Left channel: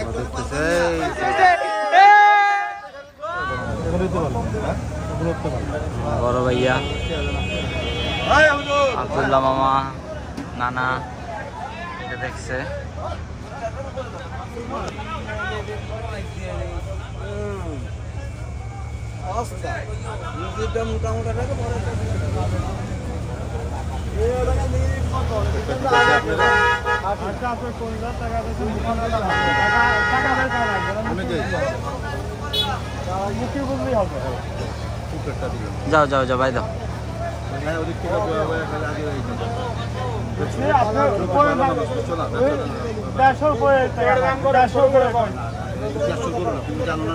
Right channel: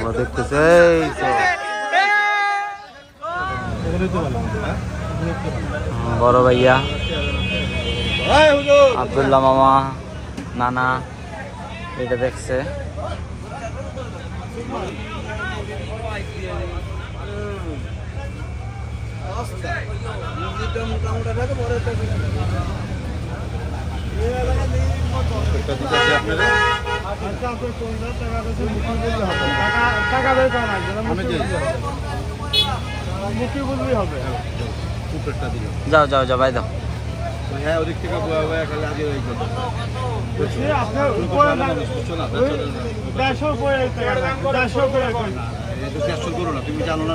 আমরা দেখতেছি বড় ভাইয়া আব্দুল্লাহ মামা নানা এটা দেখছে। যাও যাও যাও ভাই দাও। হ্যাঁ ওদিক থেকে করো না, তুমি জানো না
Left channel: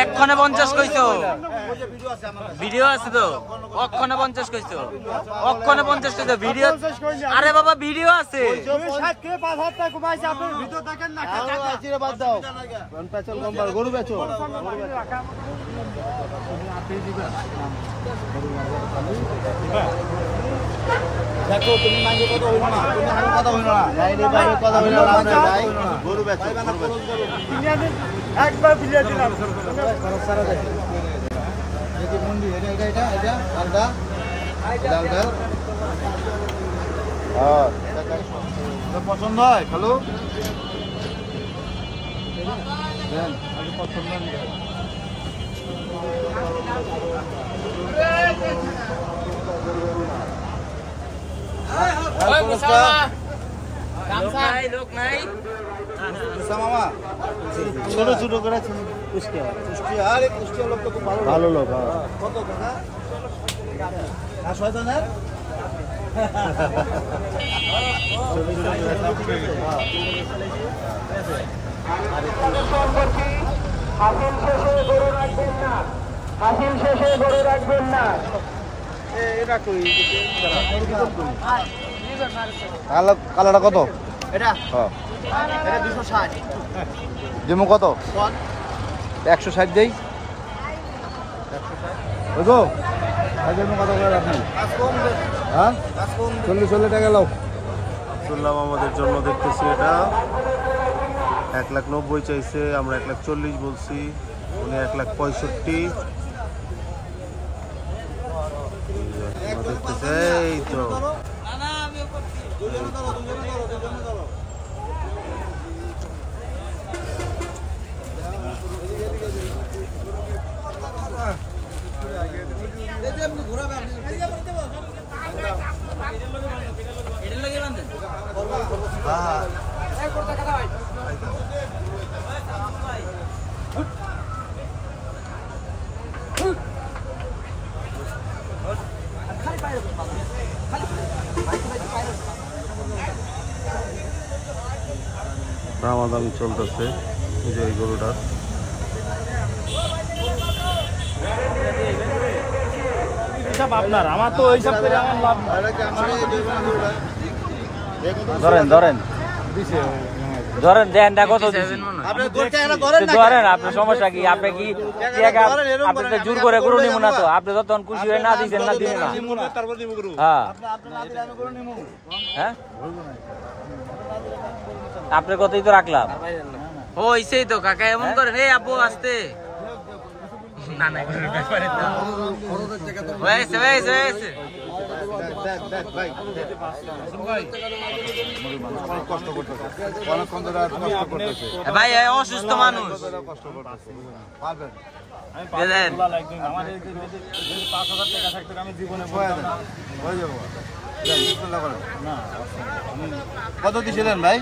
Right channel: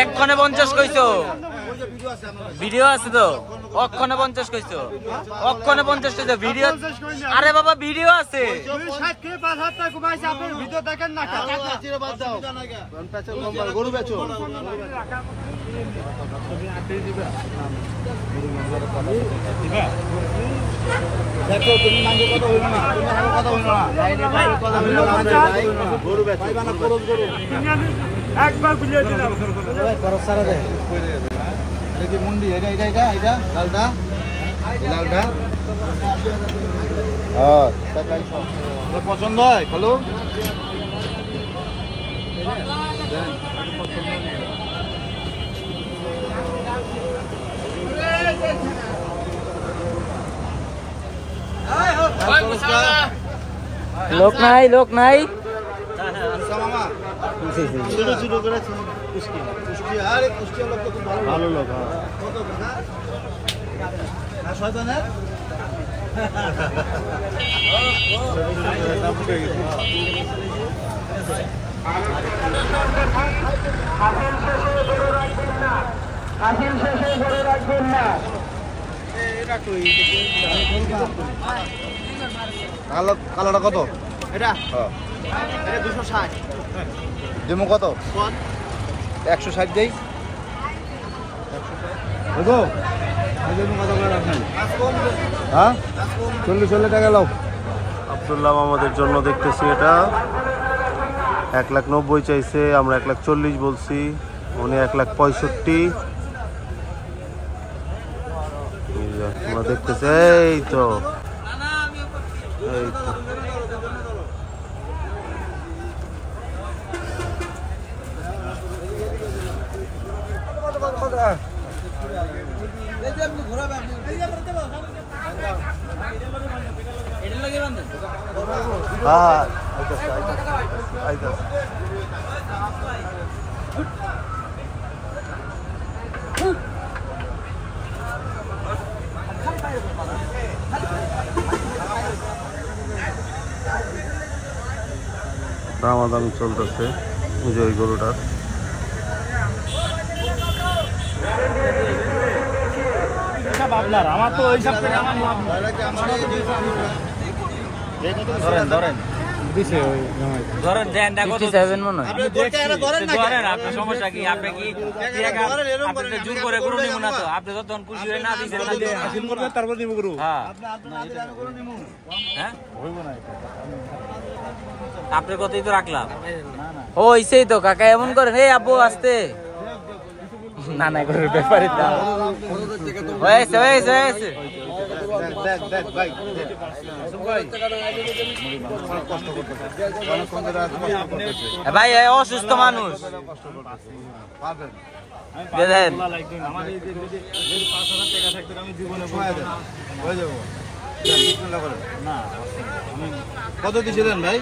এক্ষণে 50 কইছো, ভিডিও আছে তো অক্ষণে 50 কইছো, অক্ষণে 50 কইছো ভিডিও। আরে বাবা ভিডিও আছে। গরু বেচো দেখো তুমি মাঝে কথা হইল না, তুমি আরো কথা হইল না, কথা হইল না, গরু পাইবা না করজ গরু একবার ভিডিও দিলাম দেখি মুন্ডি এটা এটা এটা এটা লালটা লালটা হ্যাঁ এটা পছন্দ হয় খালু দেন। লোক নাই লোক নাই ছোট ছোট করে আরে কুষ্টিয়া লোক তো খুব ভালো ভালো লোক। না শেষে ধরে রাখবেন না। কালারটা কত? এটা 260 দিমু কত? 160 দেই বুঝো কত করে রাখবেন? হ্যাঁ 40 টাকা লাও। আব্দুল্লাহ আমাদের জন্য দেখতেছি এটা 1,90,000 চাইছে, আমরা 1,40,000 বলছি, উনি 1,65,000। আমরা দেখতেছি এই তো দামাদামি চলতেছে ওই গরুটার। আপনার আমার তো হিসাব করে আমার লাভ না। ধরেন ধরেন ধরেন দেন কত যাবেন মনে হয় ধরেন। আপনার সমস্যা কি? আপনি কি আপনি জোর করে গরু নিব না তো? আপনি যতক্ষণ খুশি হয়ে না দিচ্ছেন না দিবেন না। হ্যাঁ আপনার কথাই তো রাখলাম। ও ইসেই তো কাকা এমন করে হে আব্বু আসতে না না গরুর ব্যাপারে হয়েছে হয়েছে হয়েছে। ভাই অসুস্থ মানুষ কত দিয়েছিলেন ভাই?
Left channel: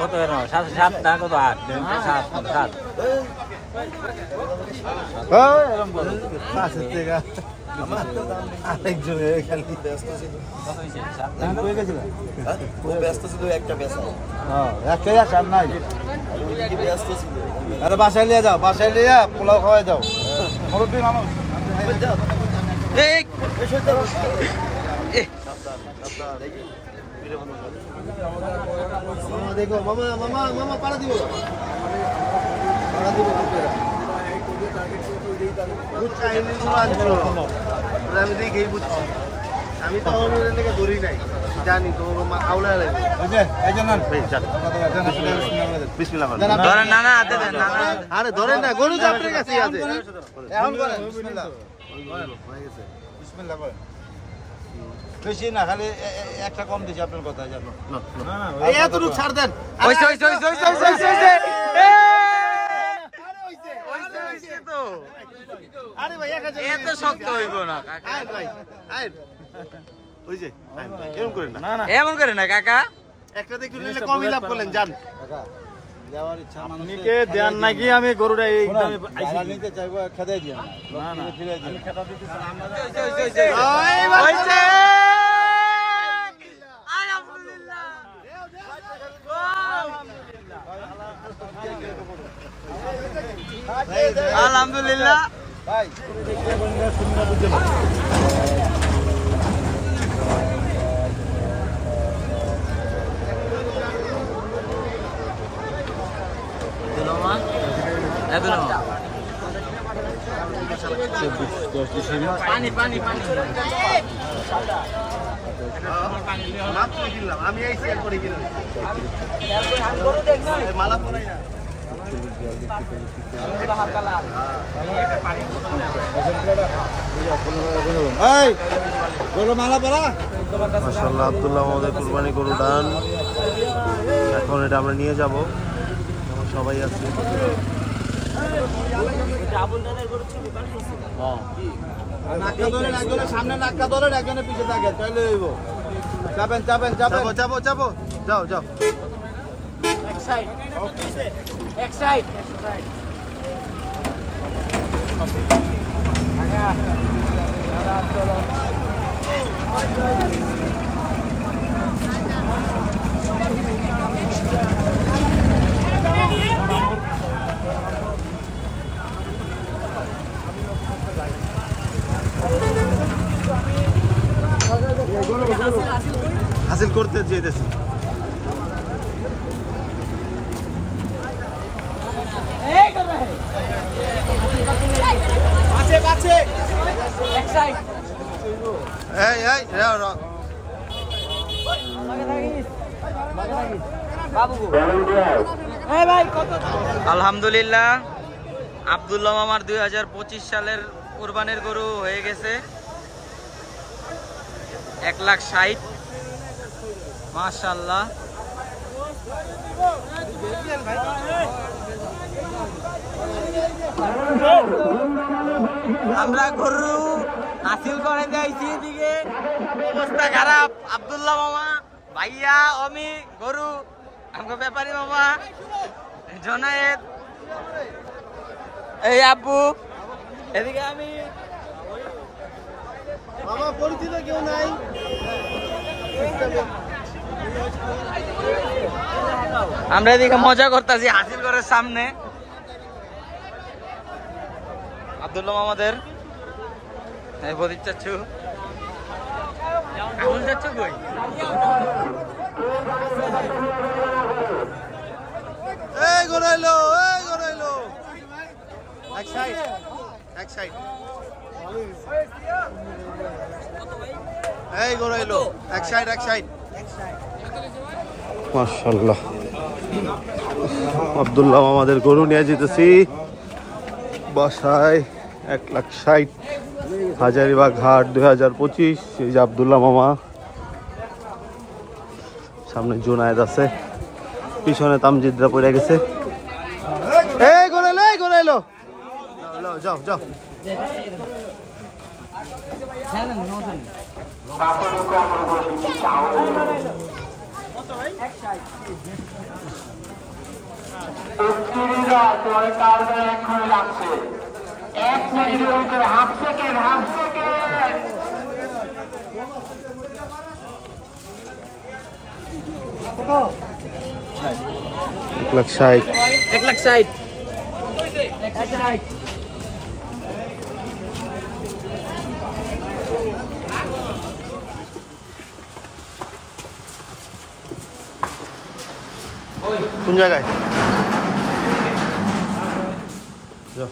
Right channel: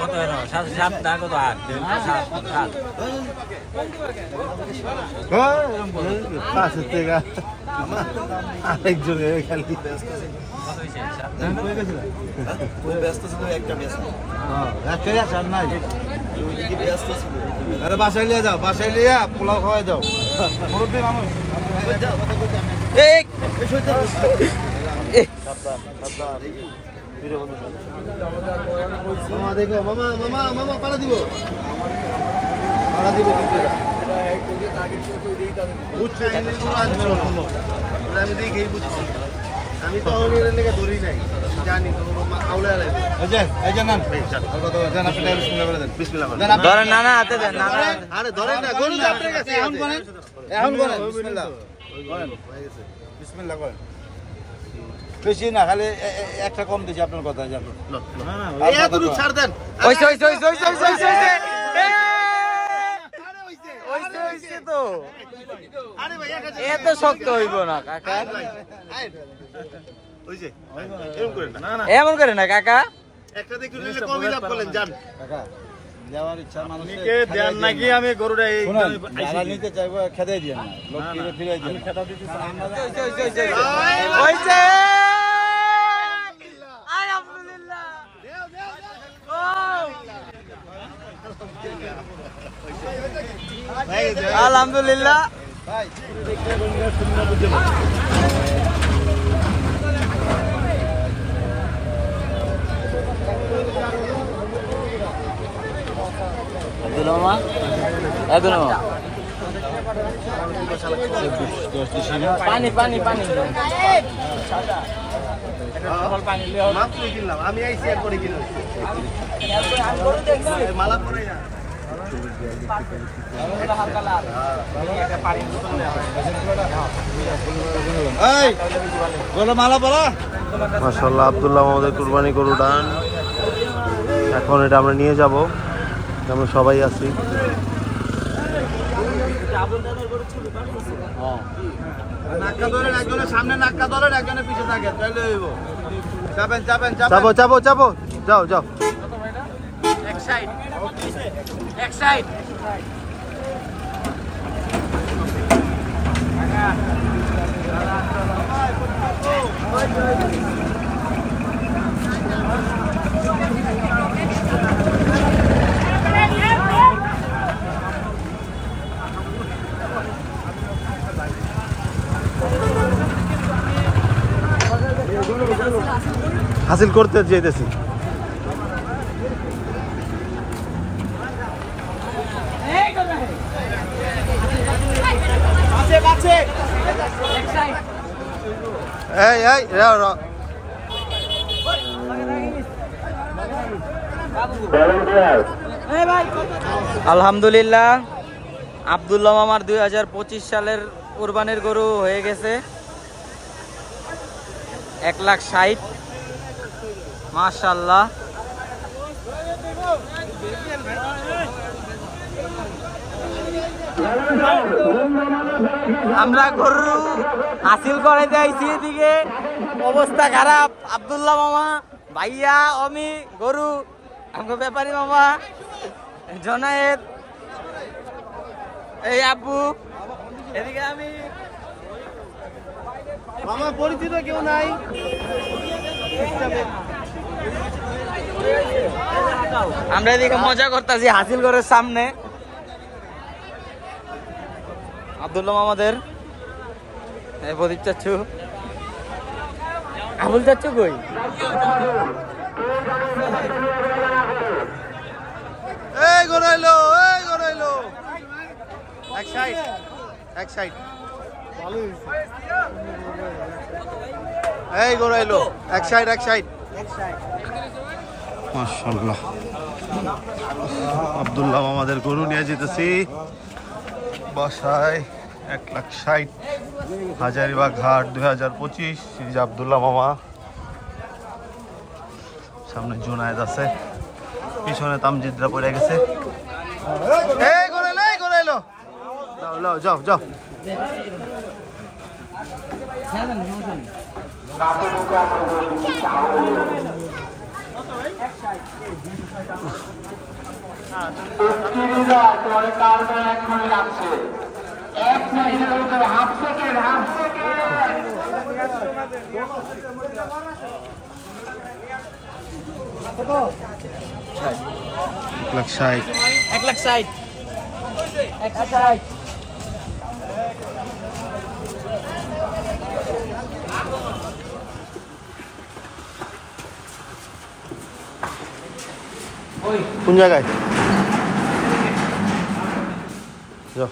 কত 7 না কত 8 আরে বাসায় নিয়ে যাও, বাসায় নিয়ে পোলাও খাওয়াই যাও। মামা দেখো মামা মামা মামা পাড়া দিব। আমি তো ধরি নাই জানি তো না না হাতে দেন না না আরে ধরেন না গরু এখন বেশি না খালি একটা কম দিছি আপনার কথা জানো এতটুকু ছাড় দেন তো এত শক্ত হইব না কাকা এমন করে না কাকা একটা দেখি কমই লাভ করলেন জান আমি গরুটা খেতে দিয়ে আলহামদুলিল্লাহ পানি পানি পানি মাত্র কিনলাম আমি আইসি একবারে কিনলাম মালা পরাই না মাশাআল্লাহ আব্দুল্লাহ আমাদের কুরবানি গরু ডান এখন এটা আমরা নিয়ে যাব আমরা সবাই আছি চাপো চাপো চাপো যাও যাও হাসিল করতে যেতেছি আলহামদুলিল্লাহ আব্দুল্লাহ মামার 2025 সালের কুরবানির গরু হয়ে গেছে 1,60,000 মাশাআল্লাহ আমরা গরু হাসিল করে যাইছি এদিকে অবস্থা খারাপ আব্দুল্লাহ মামা ভাইয়া অমি গরু আমাকে ব্যাপারী মামা জনায়েত এই আব্বু এদিকে আমি মামা পরিচিত কেউ নাই আমরা এদিকে মজা করতেছি হাসিল ঘরের সামনে আব্দুল্লাহ মামাদের প্রদীপ চাচ্ছু আবুল চাচ্ছু কই এই গড়াইলো এক সাইড এই গড়াইলো এক সাইড মাশাআল্লাহ আব্দুল্লাহ আমাদের গরু নিয়ে যেতেছি বাসায় 1,60,000 হাজারিবাগ হাট 2025 এই যে আব্দুল্লাহ মামা সামনে জুনায়েদ আছে পিছনে তামজিদরা পড়ে গেছে এই গড়াইলো যাও কোন জায়গায় যাও